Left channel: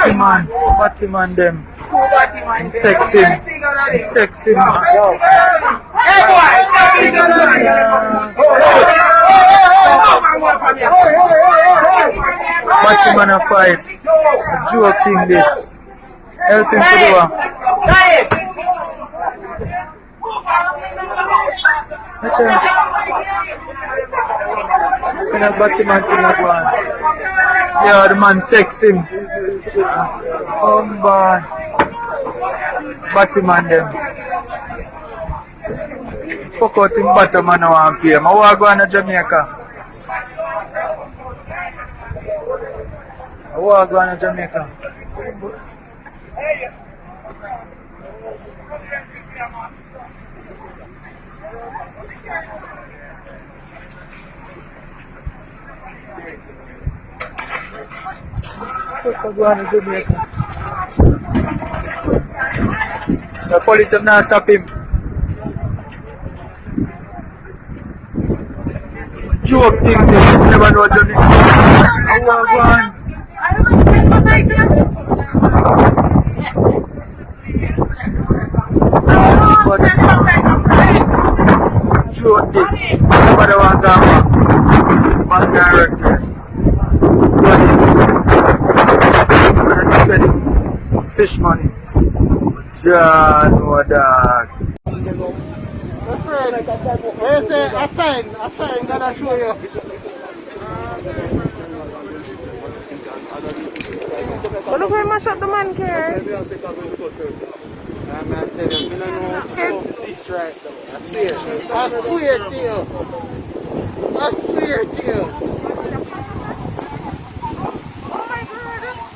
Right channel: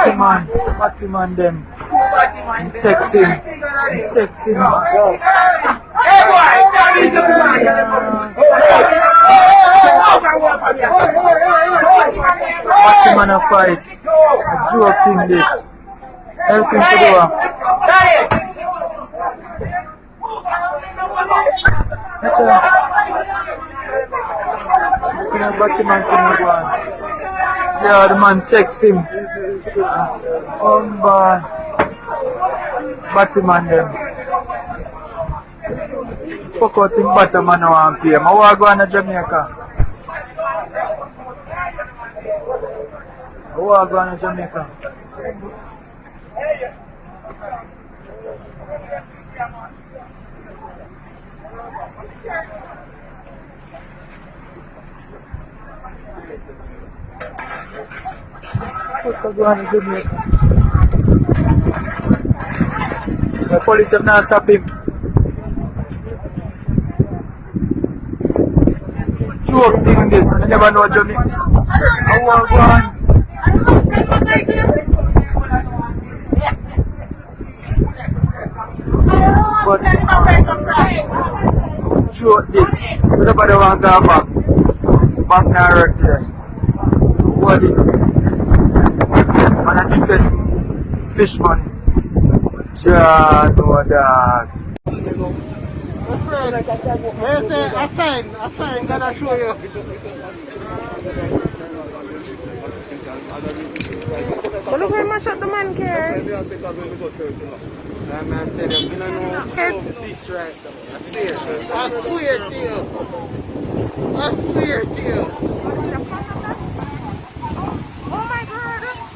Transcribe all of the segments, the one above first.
Batman them. Sex him. Yo. Hey boy, Batman a fight. A Joe King this. Help him to do one. Batman thing go on. Yeah, the man sex him. Boy. Batman them. Fuck out him Batman now and pay him. I want to go to Jamaica. The police have not stopped him. Joke thing this, never know Jamaica. I want to go on. But joke this, nobody want to go back directly. What is? When I said fish money. John, no dog. Where say a sign, gonna show you. But look where much of the man care. I swear to you.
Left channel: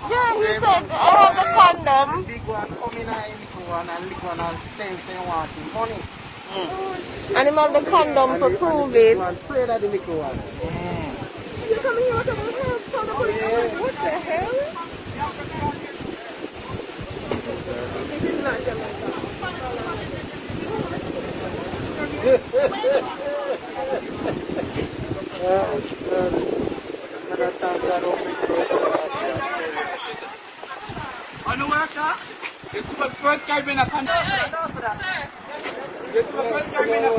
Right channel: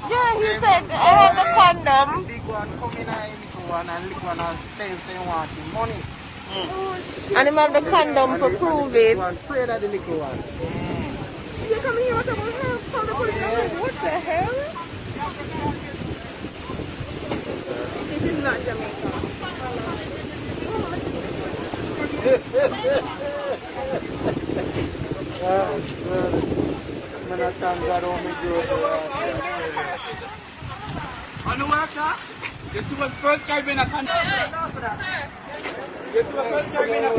Yeah, he said the condom. And him have the condom to prove it. On the water, this is the first time in a country. This is the first time in a